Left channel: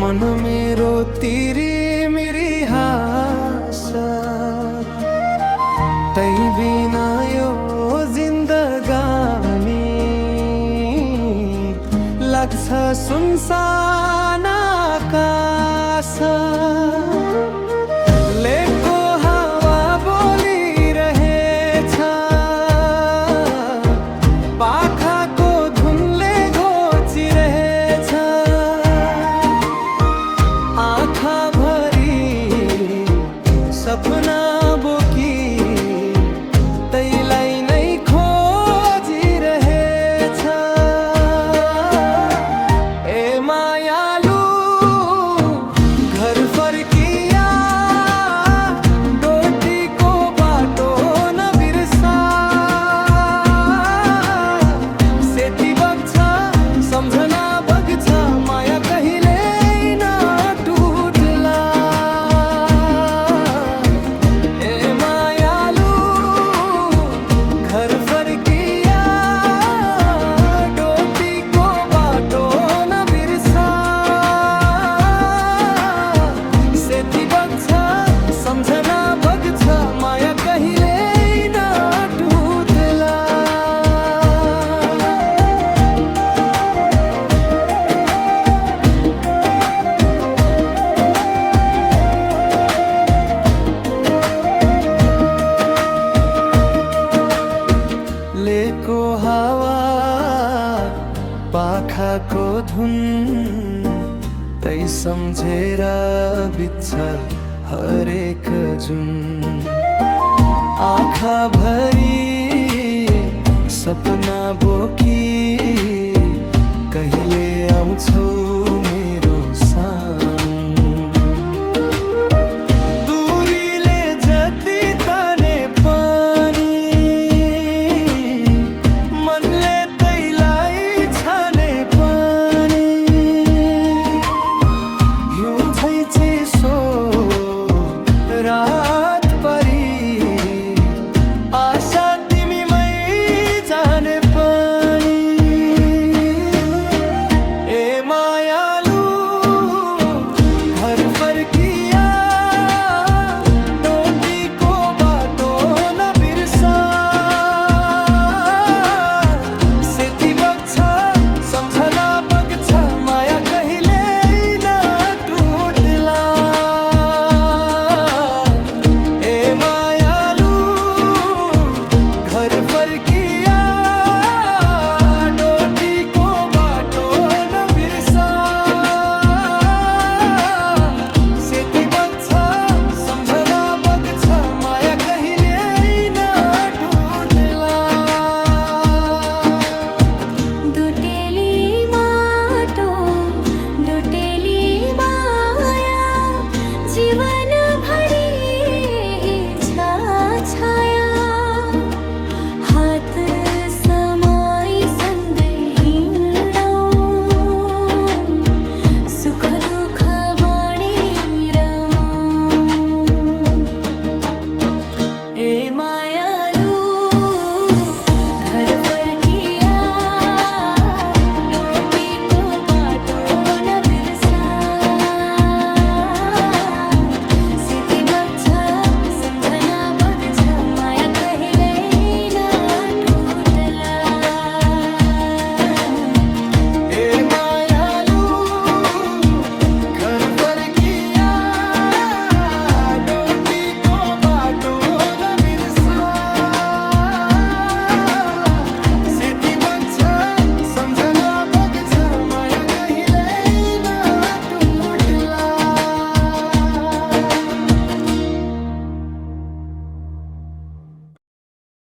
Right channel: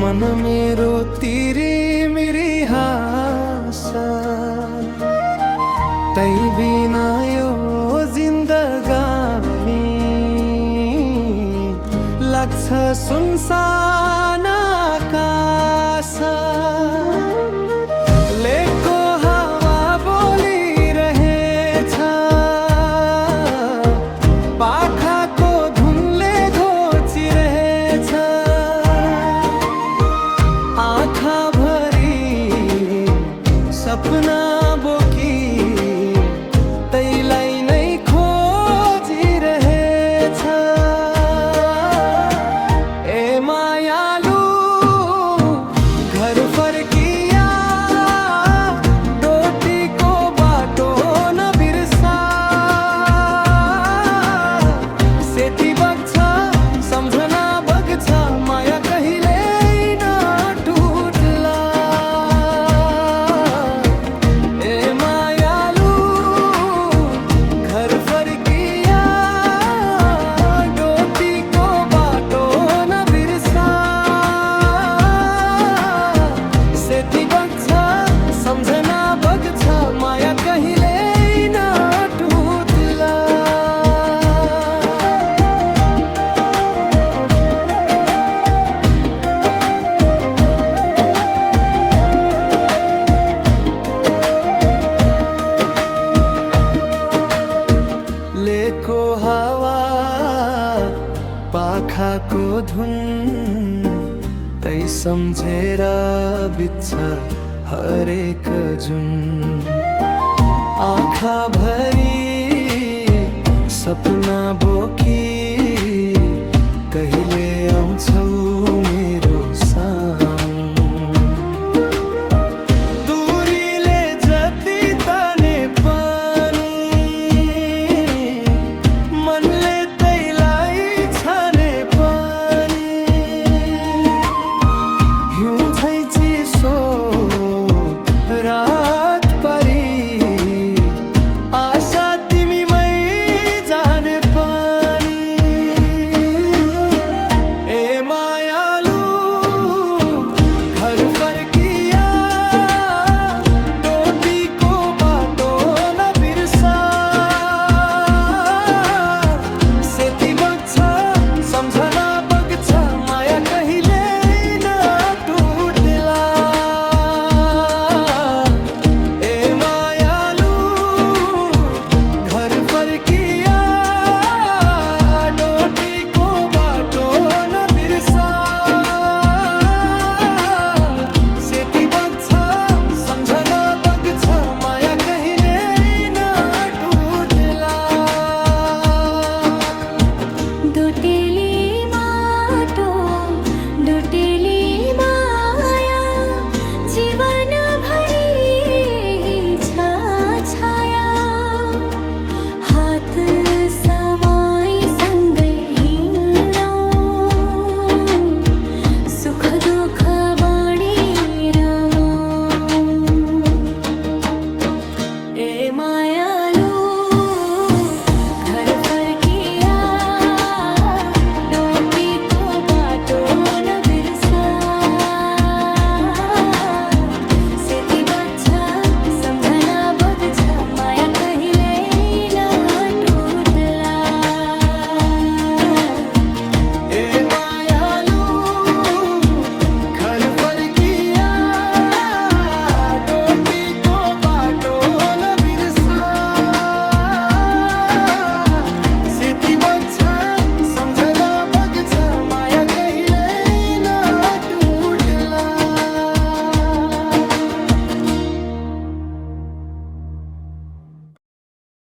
मन मेरो तिरी मिरी हाँसा तै बिना यो जिन्दगानी लाग्छ सुनसान आकाश। लेकको हावा बोलिरहेछ, पाखाको धुनले घोचिरहेछ, आँखा भरी सपना बोकी तैलाई नै खोजिरहेछ। ए मायालु घर फर्किया, डोटीको बाटो नबिर्सा। सेती बग्छ सम्झना बग्छ, माया कहिले घर फर्किया, डोटीको बाटो नबिर्सा। सेती बग्छ सम्झना बग्छ, माया कहिले नटुट्ला। लेको हावा पाखाको धुन तै सम्झेर बित्छ हरेक जुन। आँखा भरी सपना बोकी कहिले आउँछौ मेरो सामु। दूरीले जति ताने पनि मनले तैलाई छाने पनि। हिउँ झै चिसो रात परी, आशा तिमीमै जाने पनि। ए मायालु घर फर्किया, डोटीको बाटो नबिर्सा। सेती बग्छ सम्झना बग्छ, माया कहिले नटुट्ला। ए मायालु घर फर्किया, डोटीको बाटो नबिर्सा। सेती बग्छ सम्झना बग्छ, माया कहिले नटुट्ला। डोटेली माटो डोटेली माया, जीवन भरि छ छाया। हात समाई सँगै हिँडौँ, सुख दुःख